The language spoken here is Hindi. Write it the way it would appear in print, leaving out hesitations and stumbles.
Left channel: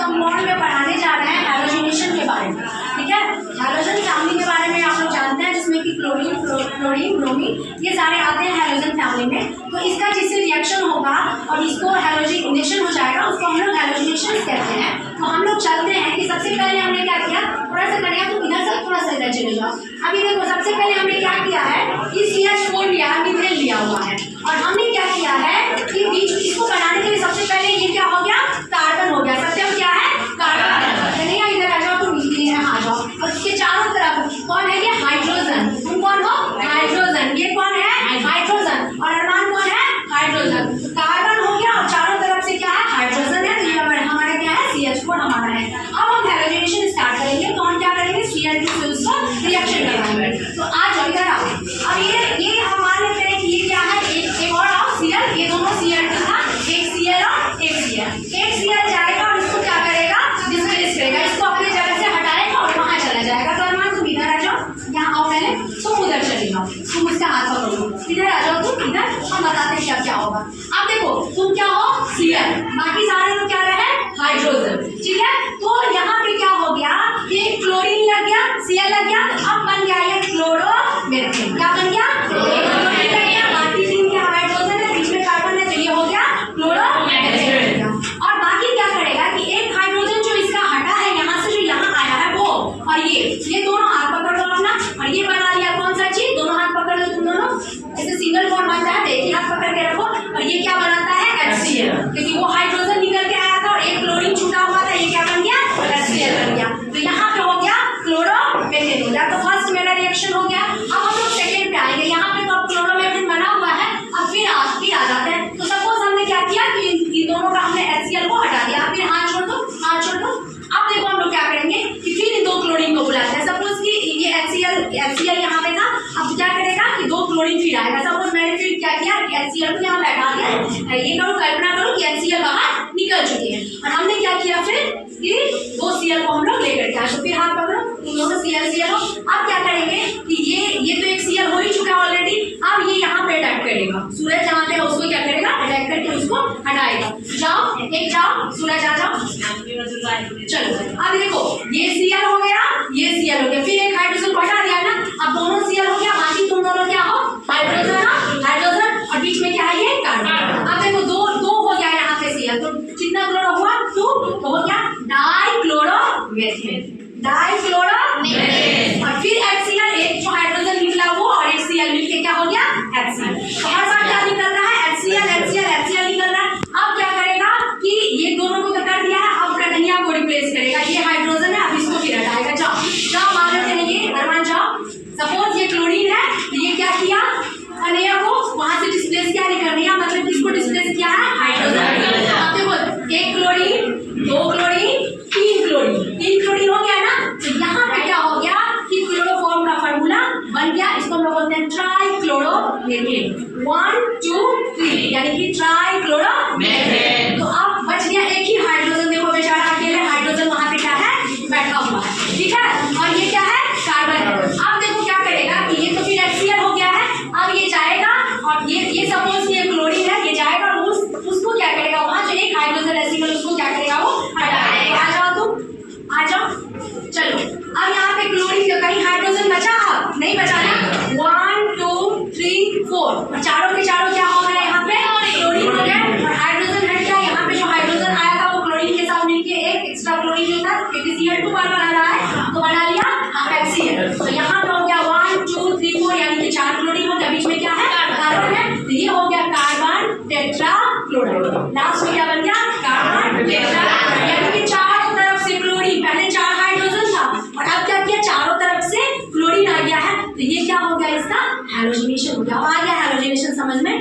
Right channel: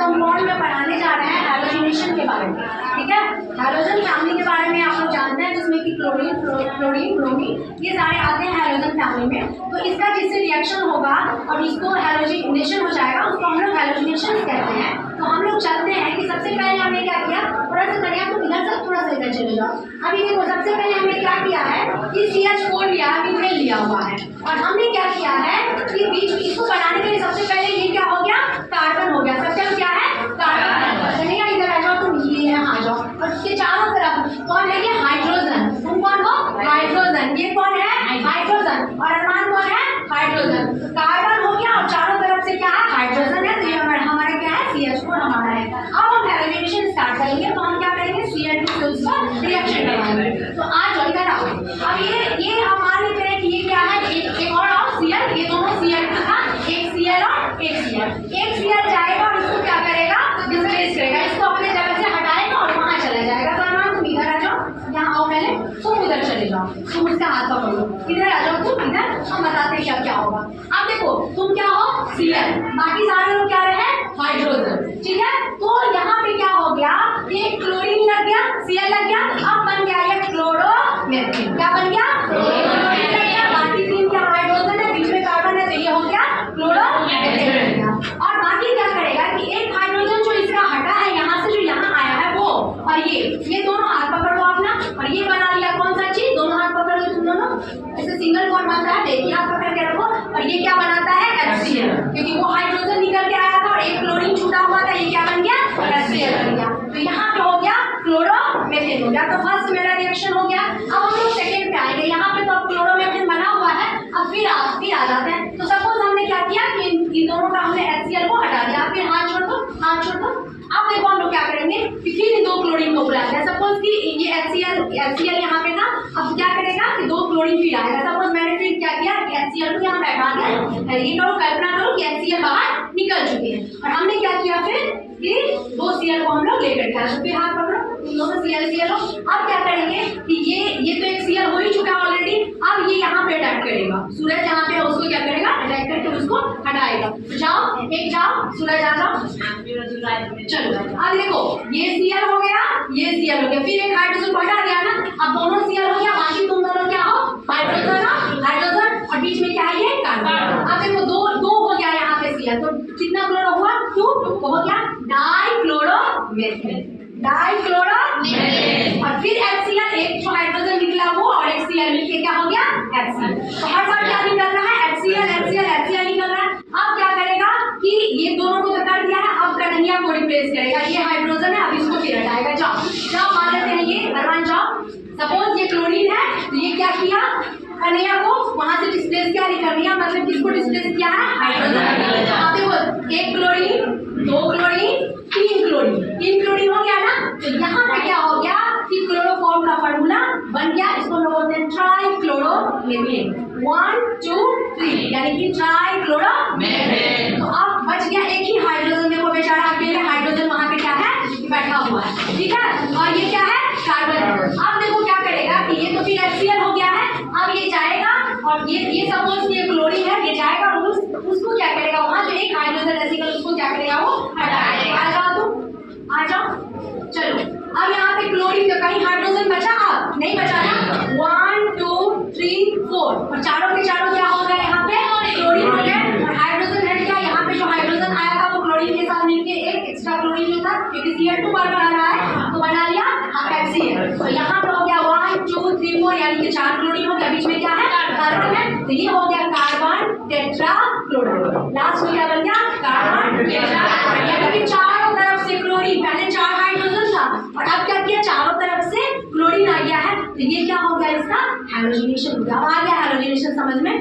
कंपाउंड में पढ़ाने जा रहे हैं हैलोजिनेशन के बारे में, ठीक है। हैलोजन फैमिली के बारे में आप लोग जानते हैं, जिसमें कि क्लोरीन, फ्लोरीन, ब्रोमीन ये सारे आते हैं हैलोजन फैमिली में। तो इसका जिससे रिएक्शन होगा और इसको हैलोजिनेशन हो जाएगा, उसको हम लोग हैलोजिनेशन कहते हैं। तो हम लोग चलते हैं कि सबसे पहले हमने क्या किया, थोड़ा सा करिए तो इधर से थोड़ा सा इधर चले जाओ। अभी देखो सबसे पहले हमने क्या किया है कि CH4 लिया, मिथेन लिया हुआ है, और हमने क्या किया है कि बीच इसको बनाने के लिए सबसे पहले ये क्या हो गया, कार्बन हो गया। सत्यम क्या है, कार्बन। नहीं इधर आ जाओ, तुम यहाँ आ जाओ। और इसके चारों तरफ कौन है, ये हाइड्रोजन। तुम कौन हो, हाइड्रोजन। ये कौन है, हाइड्रोजन। और अरमान कौन है, हाइड्रोजन। कार्बन हो गया और चारों तरफ से क्या है, हाइड्रोजन है। तो ये हमारा क्या है, CH4 हमारा है। अब हम हैलोजिनेशन स्टार्ट करेंगे, तो हम क्या करेंगे, Cl2 से उसका रिएक्शन करवाएंगे। तो आ जाओ इधर आओ। अब ये हम मान लेते हैं कि ये क्या है, एक और Cl, ये दोनों Cl2 था, एक Cl और एक Cl। एक Cl जाएगा और इसको क्या करेगा, डिस्प्लेस करेगा, इसको अपनी जगह से हटाएगा और वहां चला जाएगा। तो अरमान तुम इधर आ जाओ, यहाँ आओ पहले, तुम उधर चले जाओ, तुम उसका हाथ पकड़ो, इधर आ जाओ तुम इधर, हम बताते हैं क्या क्या होगा। अब देखो तुम क्या हो, Cl, बाकी सारे लोग क्या रहे, हाइड्रोजन, ठीक है। तो यहाँ पे क्या हो गया, एक क्लोरीन लग गया, Cl लग गया, अब बन गया ये क्लोरोमीथेन। क्या बन गया, क्लोरोमीथेन लग गया। बाकी तीन क्या, हाइड्रोजन है, बीच में कार्बन है, तो ये हो गया क्लोरोमीथेन बन गया। और बाकी क्या करेगा कि एक हाइड्रोजन जो इसका हटा है यहाँ से, जो यहाँ आया है वो, और ये दोनों हाथ पकड़ लो अपना, और ये बना लिया कौन सा चीज, दोनों हाथ पकड़ लो तुम दोनों, ऐसे सिंगल बॉन्ड बनता है, एक ही हाथ पकड़ के रखो। और ये क्या बनाता है, HCl, क्योंकि वो हाइड्रोजन निकल के आया था और एक क्लोरीन छूटा हुआ था, ये क्या बन गया, HCl बन गया। तो यहाँ पे हो गया क्लोरोमीथेन हो गया। तो फर्स्ट मेरा रिएक्शन हो गया। अब हम लोग सेकेंड पे आएंगे। यहाँ पे तो अब क्लोरोमीथेन बना हुआ है, अब फिर आ जाते हैं। तो सपोज हमने क्या किया कि इन दोनों का हमने HCl को हटा दिया, फिर हाथ छोड़ दो, हाथ छोड़ दो। अब देखो हम लोग क्या करेंगे कि फिर इन दो क्लोरीन को बुलाते हैं। सपोज कि ये HCl यहाँ पे था, अब क्या करेगा कि दो क्लोरीन फिर आएगा। सपोज मैंने फिर क्या किया कि HCl को यहाँ बैठा दिया, ये करो, कल्पना करो कि HCl बाहर निकल चुकी है, और हमने क्या किया फिर कि दो Cl को हम लोग लेकर के आए। तो फिर हाथ पकड़ो, इन दोनों Cl हो। अब क्या करेंगे कि ये तो एक Cl हो ही चुका है ऑलरेडी, अब ये यहाँ पे अटैक करेगा, सूरज जहाँ पे उसको क्या करेगा, अटैक करके उसको हटाएगा। जाओ एक जाओ, सूरज आ जाओ, चलो। अब देखो ये Cl हो गया, ये Cl हो गया, फिर एक हाइड्रोजन को हटा दिया ना, अब दोनों Cl हो गया, बाकी तुम दोनों क्या हो, हाइड्रोजन हो, हाइड्रोजन, और बीच में क्या है, ये कार्बन। अब देखो दो हो गया यहाँ पे Cl, तो कितना क्लोरो हुआ, 2, तो हो गया डाइक्लोरोमीथेन, डाइक्लोरोमीथेन। और फिर HCl, एक जो हाइड्रोजन निकला वो और एक Cl मिलके क्या हो गया, HCl। तो हर बार क्या निकल रहा है, HCl निकल रहा है। अब क्या करेगा कि ये दोनों को तो कर दिया है, अब कन्हैया को रिप्लेस करेगा, ये हाइड्रोजन है, अब इसको फिर हटाएगा। जाओ मान लेते हैं ये, अरमान जाओ। सपोज ये क्लोरीन है, तो ये क्या किया, कन्हैया को वहां से डिस्प्लेस किया, नहीं कन्हैया मतलब किसको डिस्प्लेस किया है, हाइड्रोजन। अब देखो एक क्लोरीन, दो क्लोरीन, तीन क्लोरीन हो गया ना। तो यहाँ पे क्या हो गया कि क्लोरोफॉर्म का फार्मूला बन गया, इसको हम लोग बोलते हैं ट्राइक्लोरोमीथेन, 1 2 3, यानी कि ट्राइक्लोरोमीथेन। तो अब बच गया एक ही हाइड्रोजन, देखो बेचारा अकेले हाइड्रोजन वहां पे क्या है, बैठा हुआ है, ठीक है। और ये क्या है, कार्बन। अब देखो क्या करेगा कि ये तो फिर HCl हो गया है, अब ये जाएगा और ये सपोज ये क्लोरीन है, ये जाएगा और उसको क्या करेगा, वहां जो एक हाइड्रोजन HCl उसको क्या करेगा, वो हटा देगा। आ जाओ तुम, आ जाओ, चलो। अब यहाँ पे क्लोरीन जो कहीं हाइड्रोजन बचा, अब नहीं बचा ना, 1 2 3 4, और चारों के चारों क्या हो गए, यहाँ पे क्लोरीन हो गए, और हाइड्रोजन हट गया। यहाँ पे जो हाइड्रोजन आया था वो क्लोरीन के साथ मिलके एक एक्स्ट्रा क्लोरीन जो था, क्योंकि Cl2 बार बना रहा है, तो बना लिया HCl। तो यहाँ पे हो गया 1 2 3 4, यानी कि 4 क्लोरीन हो गया, बीच में क्या है, कार्बन है, तो ये हो गया कार्बन टेट्राक्लोराइड। लास्ट में क्या बन गया, कार्बन टेट्राक्लोराइड, यानी कि चारों तरफ से क्लोरीन, पहले 4 हाइड्रोजन था और अब क्या किया, चारों तरफ से क्लोरीन आ गया है, तो ये क्या हो गया, इसका हैलोजिनेशन हो गया। आ गया हैलोजिनेशन समझ में,